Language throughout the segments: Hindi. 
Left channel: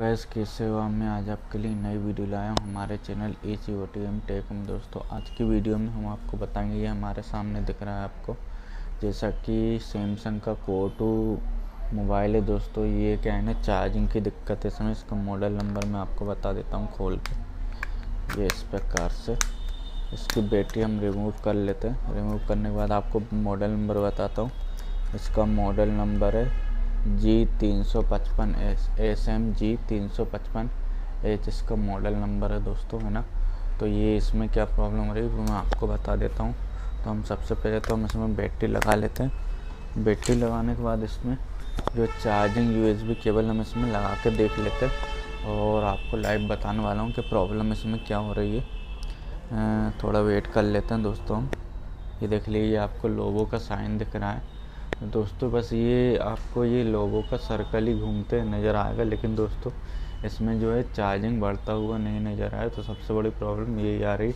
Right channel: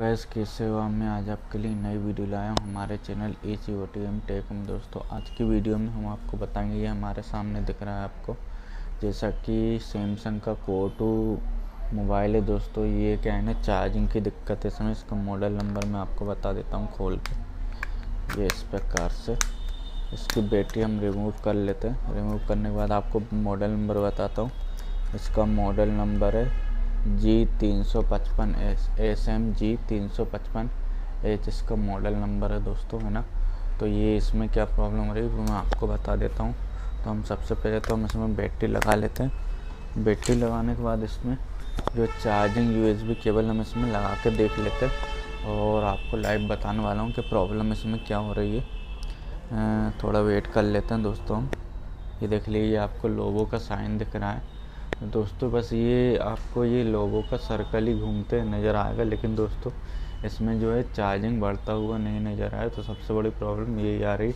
गैस की सेवा में आज आपके लिए नई वीडियो लाया हूँ हमारे चैनल ACOTM टेक में। दोस्तों आज की वीडियो में हम आपको बताएंगे, ये हमारे सामने दिख रहा है आपको, जैसा कि सैमसंग का Core2 मोबाइल है। दोस्तों ये क्या है ना, चार्जिंग की दिक्कत है इसमें। इसका मॉडल नंबर मैं आपको बता देता हूँ खोल के। ये इस प्रकार से इसकी बैटरी हम रिमूव कर लेते हैं। रिमूव करने के बाद आपको मॉडल नंबर बताता हूँ। इसका मॉडल नंबर है G355 SMG355H इसका मॉडल नंबर है दोस्तों, है ना। तो ये इसमें क्या प्रॉब्लम हो रही है वो मैं आपको बता देता हूँ। तो हम सबसे पहले तो हम इसमें बैटरी लगा लेते हैं। बैटरी लगाने के बाद इसमें जो चार्जिंग USB केबल हम इसमें लगा के देख लेते हैं और आपको लाइव बताने वाला हूँ कि प्रॉब्लम इसमें क्या हो रही है। थोड़ा वेट कर लेते हैं दोस्तों हम। ये देख लीजिए, आपको लोगो का साइन दिख रहा है दोस्तों। बस ये आपको ये लोगों का सर्कल ही घूमते नज़र आएगा, लेकिन दोस्तों इसमें जो है चार्जिंग बढ़ता हुआ नहीं नज़र आया। तो सबसे बड़ी प्रॉब्लम यही आ रही।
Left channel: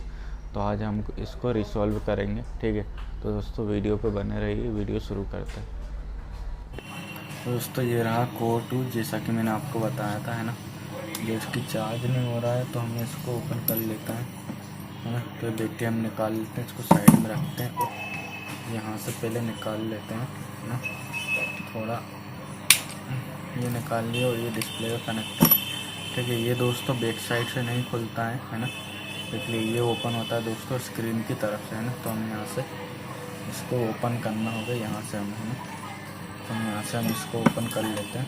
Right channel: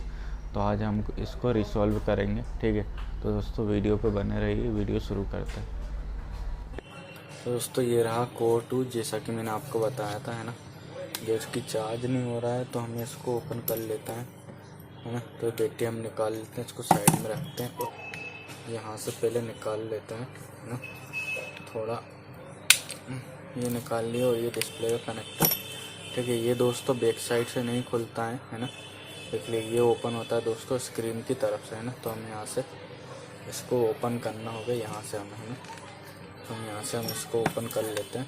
तो आज हम इसको रिसॉल्व करेंगे, ठीक है। तो दोस्तों वीडियो पे बने रहिए, वीडियो शुरू करते हैं। दोस्तों ये रहा Core2, जैसा कि मैंने आपको बताया था, है ना। जो इसकी चार्ज नहीं हो रहा है तो हम इसको ओपन कर लेते हैं, है ना। तो बैटरी हम निकाल लेते हैं, इसको साइड में रखते हैं। यहाँ से पहले निकाल लेते हैं ना, थोड़ा ये निकाल लिया। और ये डिस्प्ले का कनेक्टर, ठीक है। ये दोस्तों बैक साइड से नहीं खुलता है ना। इसलिए ये ओपन होता है दोस्तों स्क्रीन की तरफ से, है ना। तो हम यहाँ से इसको ओपन करना होगा, यहाँ से हम, है ना। तो यहाँ से हम इसको ओपन कर लेते हैं।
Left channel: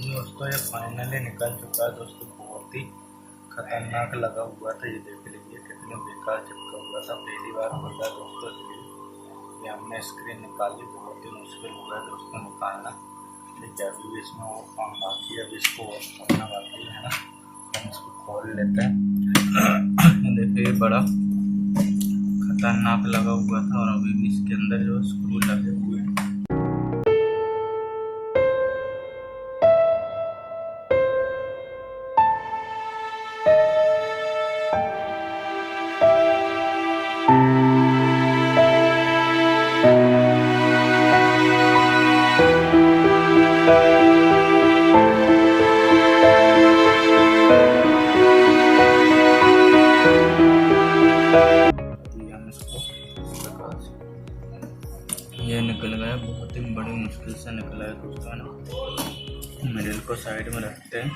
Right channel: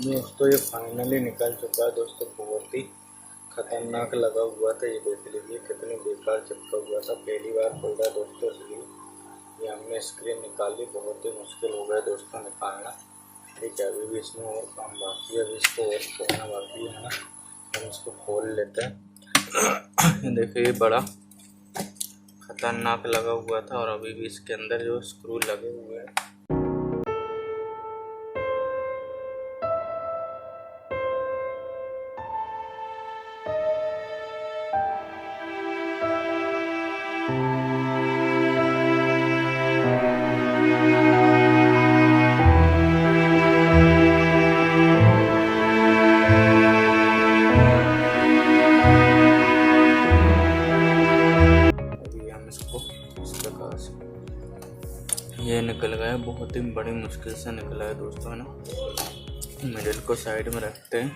दोस्तों ये फाइनली निकल चुका है दोस्तों। बहुत ही खतरनाक लगा हुआ था, ये देख लीजिए कितनी बेकार चिपका हुआ था। पहली बार खुल रहा है दोस्तों, इसलिए ये हमने स्क्रीन निकाली। बहुत ही मुश्किल हो गया दोस्तों निकालना, ठीक है। अभी भी इसमें और काम बाकी है, अभी इसको और खोलना बाकी है ना। हम इसको खोल लेते हैं। देखिए बड़ा खतरनाक लगा हुआ था और अभी भी इसके अंदर जो स्क्रू लगे हुए हैं। ये निकल गया, बहुत ही बड़ी मुश्किल से निकला है दोस्तों, है ना। मिडिल को साइड में रखते हैं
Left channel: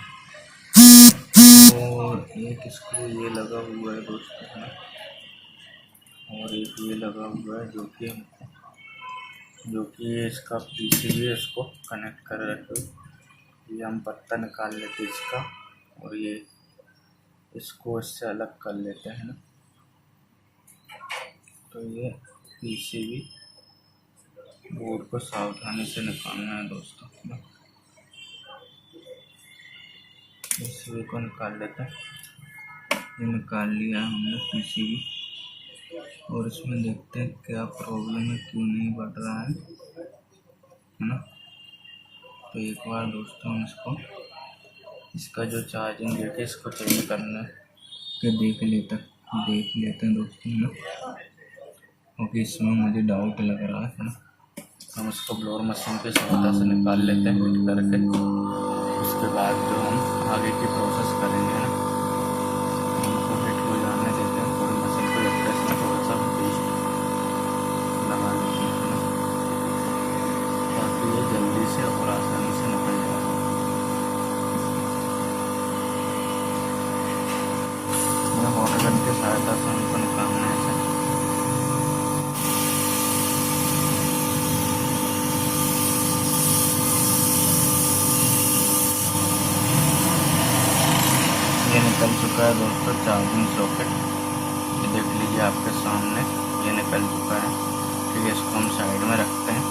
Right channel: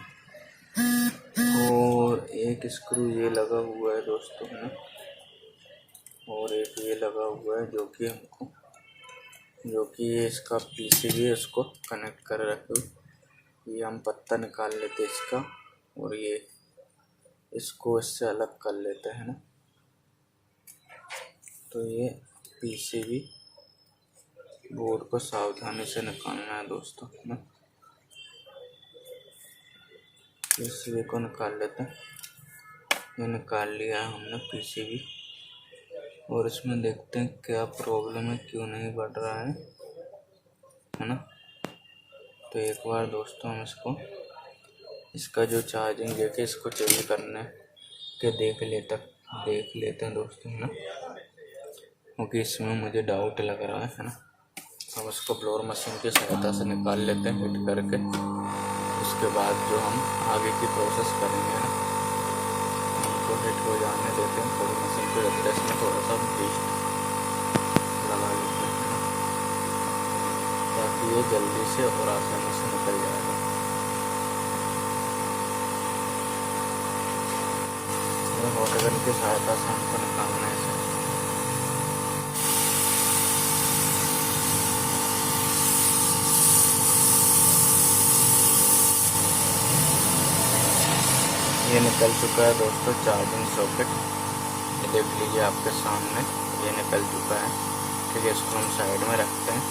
और एक स्क्रू ये लगा हुआ है दोस्तों, है ना। और एक ये लगा हुआ है जो कि ये इसका PCB है, इसको कनेक्ट कर रखे हो। ये हम पत्ता निकाल लेते हैं इसका और ये इसको इससे अलग कर लेते हैं ना। तो ये PCB बोर्ड को सावधानी से निकालना है दोस्तों, है ना। PCB को निकाल लेते हैं। ये निकाल लिया हमने पीसीबी, और इसमें देखते हैं क्या प्रॉब्लम है, क्यों नहीं बढ़ रहा है ना। तो एक बार दोस्तों हम इसका जो चार्जिंग लेके इसको चेंज करने के देख लेते हैं दोस्तों, है ना, क्योंकि इसमें मुझे डाउट लग रहा है ना। हम इसको ब्लोअर मशीन की सहायता से निकाल लेते हैं हिट करके। उसके बाद जो हम आगे की प्रोसेस करेंगे ना, इनको हिट हो जाने देते हैं, थोड़ी मशीन पे रखते हैं, इसमें थोड़ा सा पेस्ट लगा लेते हैं ताकि ये जल्दी से और आसानी से निकल जाएगा। वाटर गन की सहायता से हमको निकालना है इसे। ये निकल चुका है दोस्तों चार्जिंग सॉकेट, ये देख लीजिए आपके सामने, ये निकल चुका है। ठीक है, इसको हम साइड में रखते हैं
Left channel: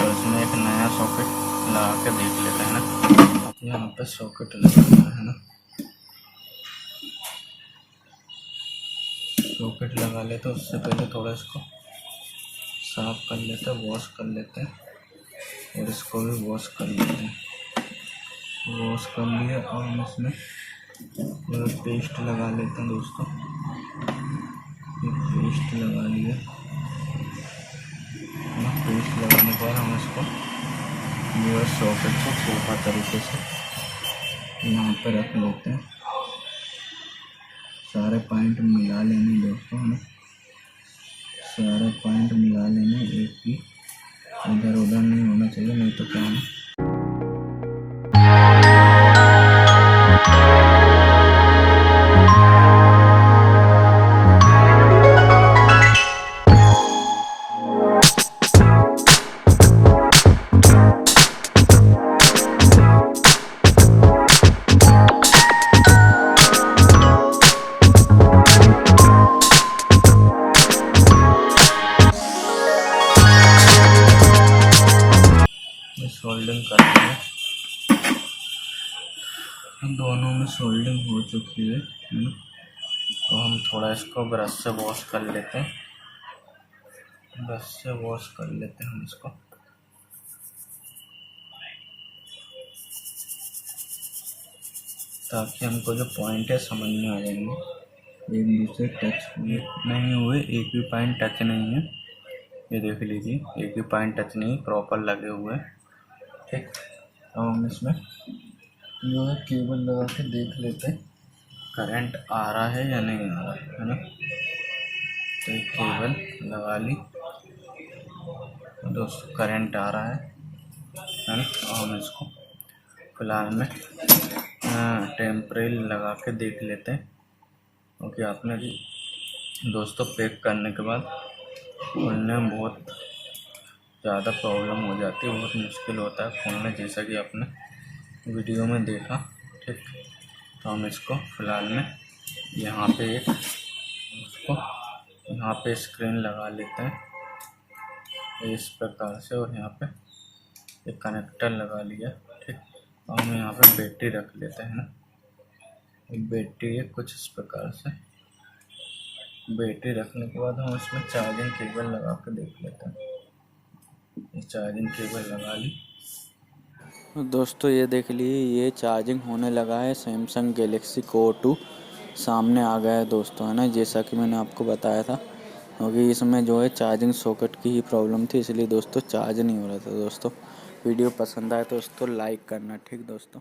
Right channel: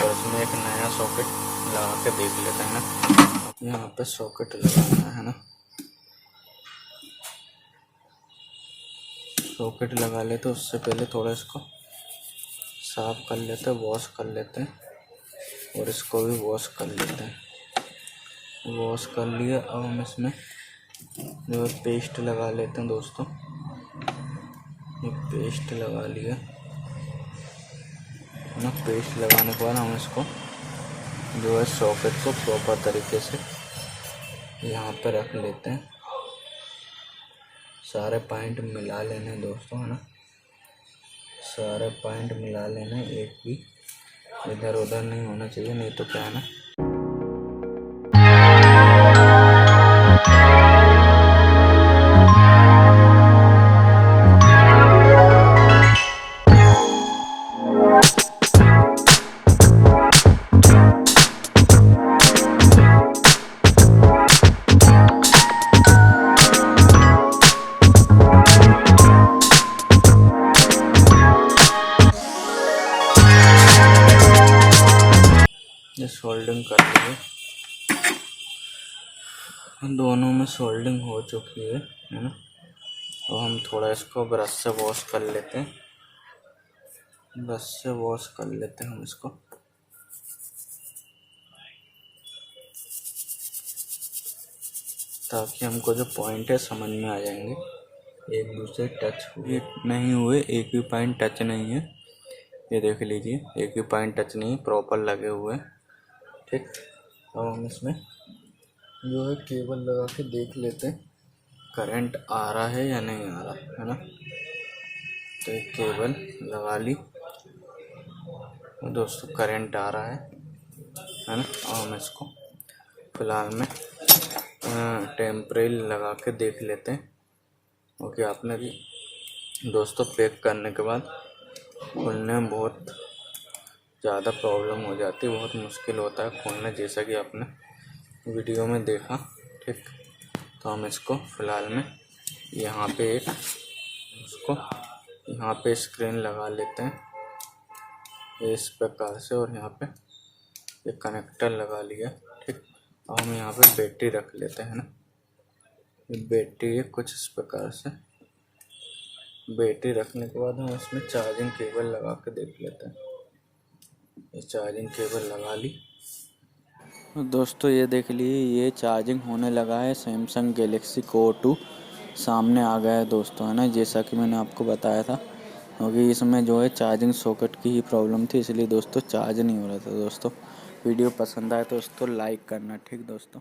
और इसमें एक नया सॉकेट लगा के देख लेते हैं ना। यहाँ पे सॉकेट लगाना है ना, सॉकेट लगा लेते हैं। उससे पहले थोड़ा इसको साफ कर लेते हैं, वॉश कर लेते हैं, और इसको भी वॉश कर लेते हैं। वॉश कर लिया, और हम इसमें जो पेस्ट लगा लेते हैं दोस्तों। ये पेस्ट लगा लिया ना। पेस्ट लगाने के बाद हम इसको जो है सॉकेट को प्रॉपर तरीके से यहाँ पर रख लेते हैं। सारे पॉइंट मिला लेने दोस्तों, है ना, सारे पॉइंट मिला लेने, एक भी इधर उधर नहीं होना चाहिए, नहीं तो क्या है ना सोल्डिंग कर लिया। दोनों में सोल्डिंग हो चुकी है ना। तो हम थोड़ा इसको ब्रश से वॉश कर लेते हैं, ब्रश से वॉश कर लेते हैं हम इसको। ताकि हमको जो पॉइंट है समझ में आ जाएंगे, एक दूसरे टच भी नहीं हुए, एक भी पॉइंट टच नहीं है। ये देख लीजिए, एक भी पॉइंट टच नहीं, प्रॉपर लगे हुए। ठीक, अब हम इसमें जो है केबल लगा के देख लेते हैं करंट आ रहा है या नहीं आ रहा है ना। तो एक केबल लगा ली दोस्तों, करंट आ रहा है ना। और हम इसको फिलहाल में टेम्परेरी लगा के देख लेते हैं, क्योंकि आपने दोस्तों पैक करने के बाद खोलने में बहुत ज़्यादा प्रॉब्लम हो जाती है, बहुत मुश्किल होता है खोलने, जैसा कि आपने वीडियो में देखा। ठीक, तो हम इसको फ़िलहाल में यहाँ पे एक उसको यहाँ पे स्क्रीन लगा लेते हैं इस प्रकार से, और यहाँ पे एक कनेक्टर लगा लिया। ठीक, तो हम यहाँ पे बैटरी रख लेते हैं ना। बैटरी है कुछ इस प्रकार से, बैटरी रखने के बाद हम इसमें चार्जिंग केबल लगा के देख लेते हैं। ये चार्जिंग केबल लगा ली दोस्तों, ये देख लीजिए, ये चार्जिंग होने लगा है। सैमसंग गैलेक्सी Core 2 सामने आ गया है दोस्तों, है ना, जैसा कि मैंने आपको बताया था। क्योंकि इसमें जो है चार्जिंग सॉकेट की ही प्रॉब्लम थी, इसलिए दोस्तों चार्ज नहीं हो रहा था। दोस्तों वीडियो पसंद आए तो दोस्तों लाइक करना। ठीक दोस्तों।